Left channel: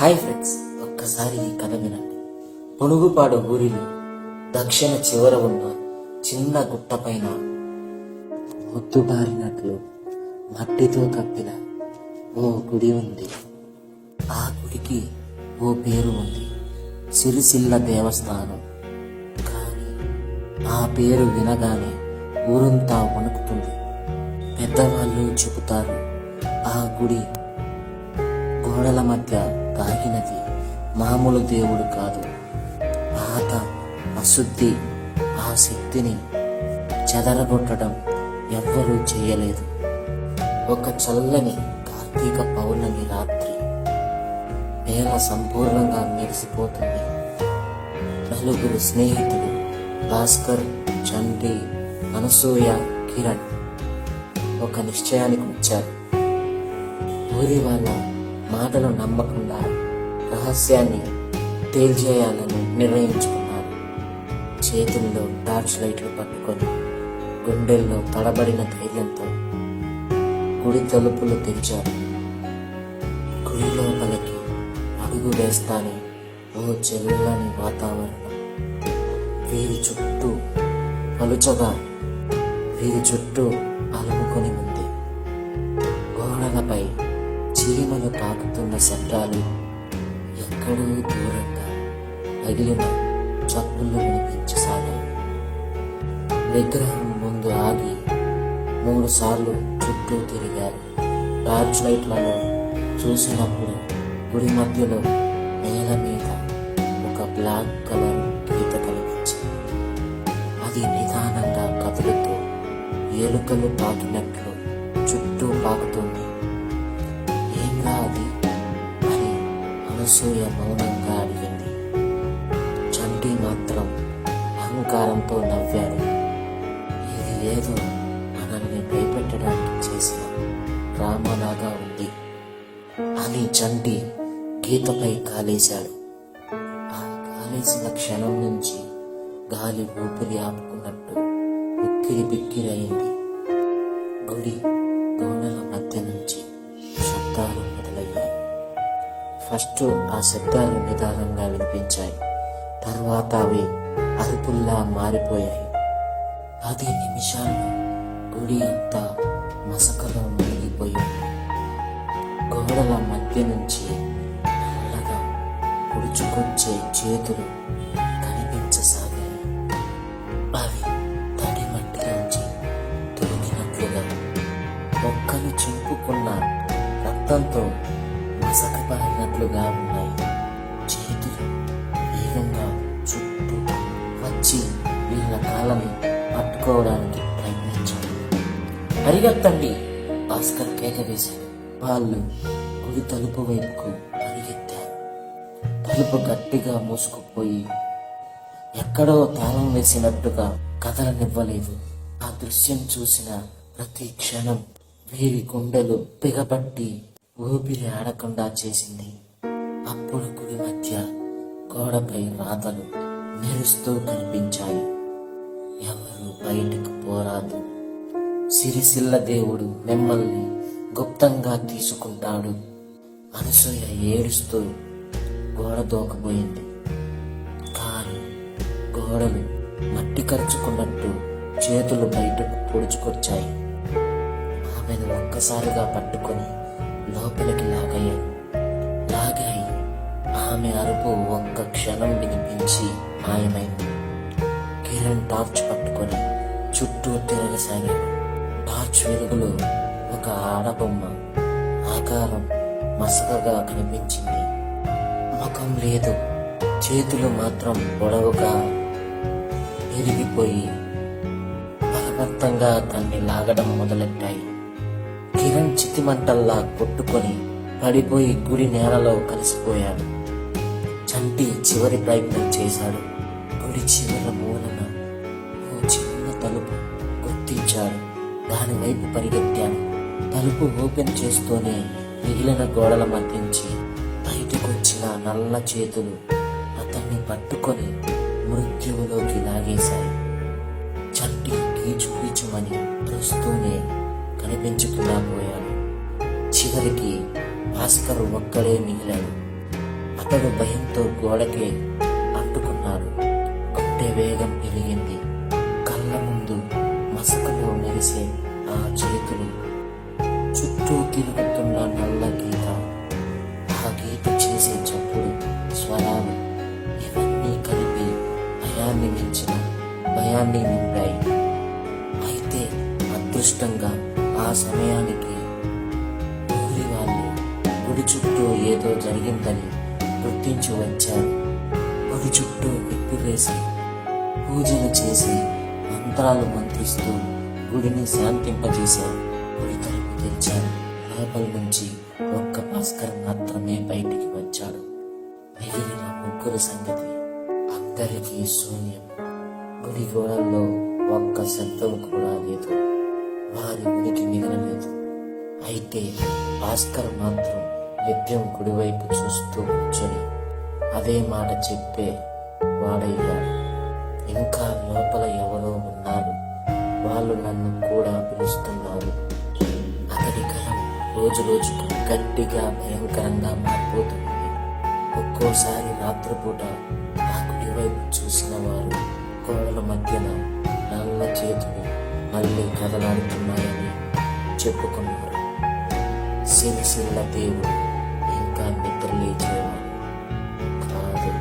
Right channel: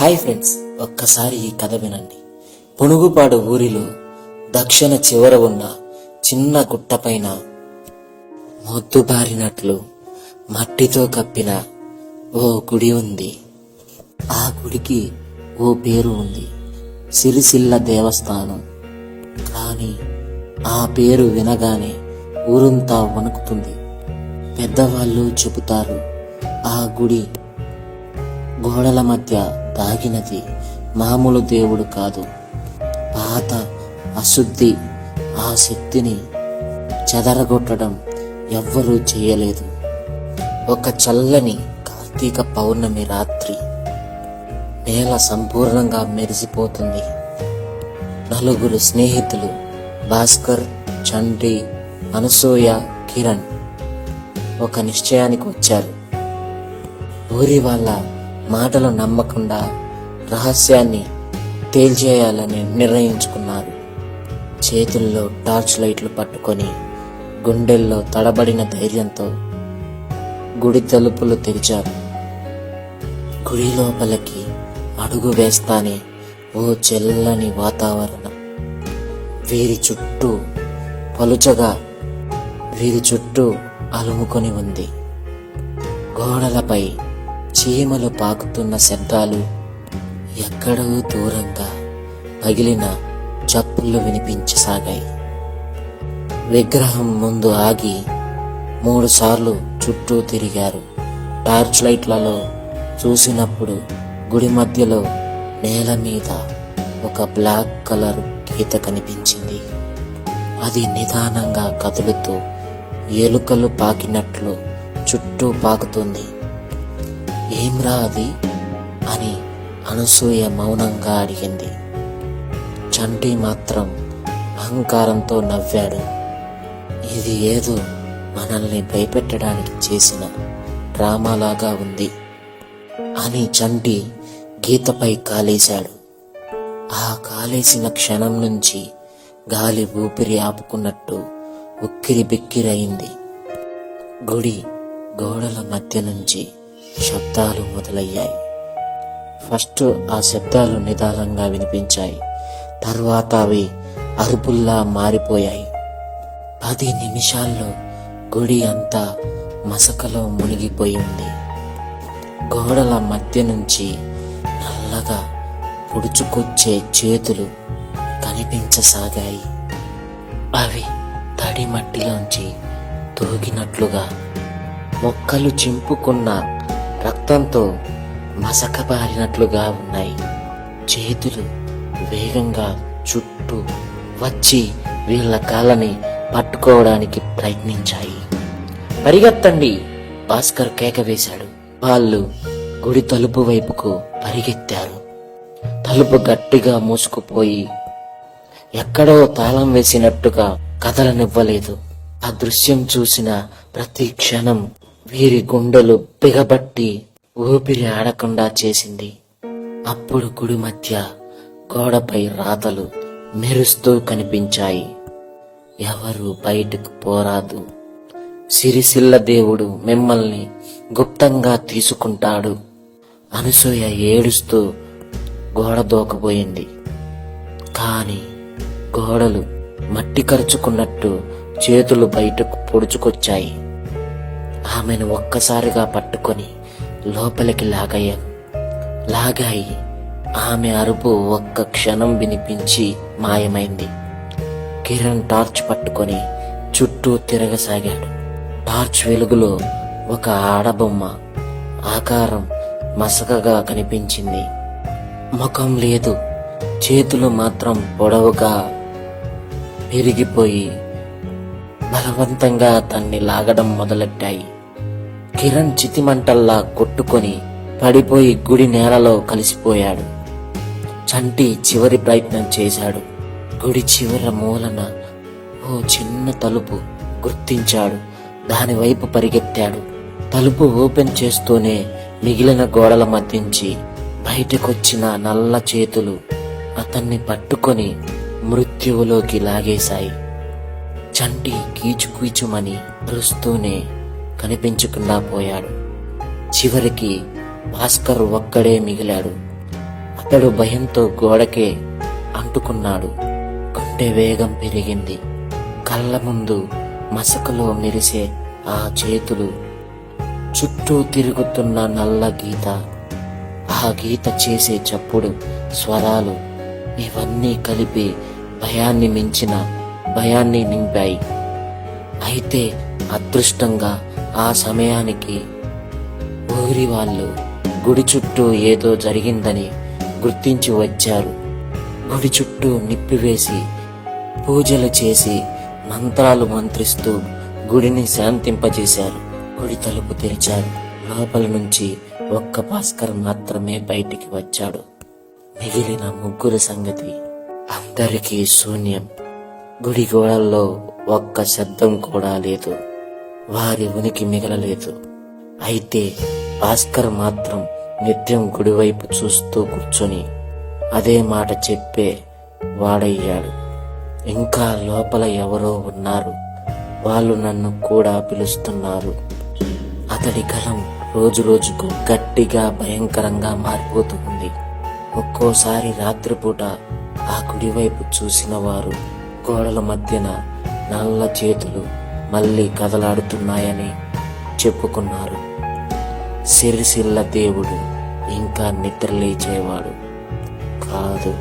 Hi friends, ఒక్కసారి ఈ కథ వినండి. పునుగుపాడు ఊరిలో దక్షిణ చివర ఉన్న చిన్న గుట్టపైన మొద్దుబారినట్లు మట్టితో కప్పిన ఓ గుడి ఉంది. ఆ గుడికి ఓ పేరు ఉంది, సిరిసిల్ల దేవస్థానం. కానీ ఆ పేరు వినగానే ఊరంతా వణుకుతుంది. పెద్దవాళ్ళు చెబుతారు, ఆ గుడి గోడల మధ్య దాగినది మామూలు దేవుడు కాదు. పాత అశుద్ధి, ఆ శక్తిని చెదరగొట్టడం ఎవ్వరూ చేయలేదు. ఒక చల్లని కార్తీక పౌర్ణమి రాత్రి నేల సంపూర్ణంగా మెరిసిపోతుంది. నలుగురు స్నేహితులు భాస్కర్, చంటి, అనసూయ, కిరణ్ ఒక నిశ్చయానికి వచ్చారు. ఊరి వాళ్ళ మాటలు నమ్మకుండా రహస్యాన్ని తేల్చేయాలని నిర్ణయించుకున్నారు. చేతుల్లో టార్చ్ లైట్లు పట్టుకొని గుండెల్లో తడబడిన ధైర్యంతో గుడి తలుపులు తెరిచారు. గుడి లోపలికి అడుగు వేస్తానే ఓ చల్లని వాతావరణం వీరి చుట్టూ అలుముకొని ఉంది. గోడలపై చీమలు పాకుతున్న శబ్దాలు, ఎక్కడో దూరంగా పగిలిన చప్పుళ్ళు వినిపించసాగాయి. విగ్రహం ముందు ఆగి 3 సార్లు చుట్టూ తిరిగారు. టార్చ్ లైట్లలో చూసినప్పుడు గుడి మధ్యలో నేల మీద ఒక బ్లాక్ కలర్ గీత కనిపించింది. అది నిదానంగా కదులుతూ ఎలుకలు పాకినట్లు చుట్టూ పాకుతుంది. ఏమ్రా అది అని అనసూయ మౌనంగా అడిగింది. చంటి మాత్రం అహంకారంతో నవ్వాడు. ఇది ఏదో మనల్ని భయపెట్టడానికి చేసిన డ్రామాలాగా ఉంది అని చంటి గీతపై కాలేశాడు. ఆ కాలేసిన క్షణం నుంచి గాలి ఊపిరి ఆపుకున్నట్టు ఉక్కిరి బిక్కిరయింది. గుడి గోడల మధ్య నుంచి శబ్దాలు మొదలయ్యాయి. ఫస్ట్ ఆ శబ్దాలు నిదానంగా వినిపించాయి. తర్వాత అవి అరుపుల్లా మారిపోయాయి. 10 నిమిషాల్లో గుడి అంతా మసకలో మునిగిపోయింది. గోడల మధ్య నుంచి నల్లగా పొడుచుకొచ్చే చేతులు కనిపించసాగాయి. అవి తడి మట్టిలోంచి తొలగినట్లుగా మొక్కలు చింపుకున్న రక్తంతో మసకబారినట్లుగా ఉన్నాయి. చేతులు వేగంగా చుట్టూ వచ్చి వీళ్ళ కాళ్ళని పట్టుకోవడానికి ప్రయత్నించాయి. పరిగెత్తండి, భాస్కర్ కేక వేశాడు. వాళ్ళు గుడి తలుపు వైపుకు పరిగెత్తారు. తలుపు గట్టిగా మూసుకుపోయి ఎక్కడో తాళం వేసినట్టుగా కదలనివ్వలేదు. ఆ దృశ్యం చూసిన ప్రతి క్షణం వీరి గుండెలు బిగబట్టి ఊపిరి ఆడకుండా చేసింది. అప్పుడు గుడి మధ్య గోడపై రాతలు మెరుస్తూ కనిపించాయి. ఎవరు బయటకు పోరాదు, సిరిసిల్ల దేవుడు మిమ్మల్ని గుప్తంగా తీసుకుంటాడు. అనసూయ ఏడుస్తూ గోడ దూకబోయింది. కాని గోడలు మట్టి కరుచుకున్నట్టు చేతులు బయటకు పొడుచుకొచ్చాయి. ఆమెను ఒక్కసారిగా పట్టుకొని లోపలికి లాగాయి. ఆమె అరుపు ఒక్క క్షణం వినిపించి మాయమైంది. కిరణ్ టార్చ్ పట్టుకొని చుట్టూ తిరగసాగాడు. టార్చ్ వెలుగులో ఒక ఆడబొమ్మ ఆకారం మసకగా కనిపించింది. ముఖం లేదు, చేతులు మాత్రం పొడవుగా పెరిగిపోయి బలవంతంగా అతన్ని లాగడం మొదలెట్టాయి. కిరణ్ చితిమంటల్లా కొట్టుకొని పడిపోయి గుడి నేలలో కలిసిపోయాడు. చంటి చివరి ప్రయత్నం చేశాడు. గుడి చివర మూలన ఓ చిన్న తలుపు గుర్తించాడు. దాని వైపు పరిగెత్తాడు. తలుపు ఓపెన్ చేస్తూనే మిగిలిన గోడల మధ్యించి బయటకొచ్చిన నల్ల చేతులు అతన్ని పట్టుకొని మృత్యువులోకి లాగేశాయి. చంటి కీచుకీచుమని అరుస్తూనే కనిపించకుండా పోయాడు. చివరికి భాస్కర్ ఒక్కడే మిగిలాడు. అతడు భయంతో గోడకే అంటుకున్నాడు. గుండె వేగం పెరిగింది. కళ్ళ ముందు మసకలో మెరిసే ఆ చేతులు, చుట్టూ తిరుగుతున్న నల్ల గీత, ఆ గీత చేసే చప్పుడు, స్వరాలు, ఇవన్నీ కలిపి భయాన్ని మించిన భయాన్ని నింపాయి. అయితే అదృష్టంగా ఆ సమయానికి ఊరి వాళ్ళు గుడి చుట్టూ ఏదో జరిగిందని గుర్తించి వచ్చారు. గుడి చుట్టూ నిప్పివేసి పూజలు చేసి మంత్రాలు మంత్రిస్తూ గుడిని శాంతింపజేశారు. గుడి తలుపు తెరిచారు. లోపల నుంచి ఒక్క భాస్కర్ మాత్రమే బయటికి వచ్చాడు. మిగిలిన ముగ్గురు సంగతి అందరికీ శూన్యం. గుడి గోడల్లో ఒక్క శబ్దం కూడా లేదు. వారి ఉనికి మిగలలేదు. అయితే భాస్కర్ మాత్రం నిత్యం గుడివైపు చూస్తూ కూర్చొని అదే మాట చెప్పే వాడయ్యాడు. ఇంకా లోపల ఎవరో ఉన్నారు, వాళ్ళు నన్ను కూడా పిలుస్తున్నారు. అతడి గలం రోజు రోజుకు గట్టిగా భయంకరంగా మారిపోతూ ఉంది. ఒక్కోసారి రాత్రిపూట ఆ కుడివైపు చూసిన వారు గోడల మధ్యన నల్ల చేతులు మళ్ళీ కదలాడుతున్నాయని చెప్పుకున్నారు. సిరిసిల్ల దేవుడు ఇంకా నిద్రలేచేవాడు కాదు.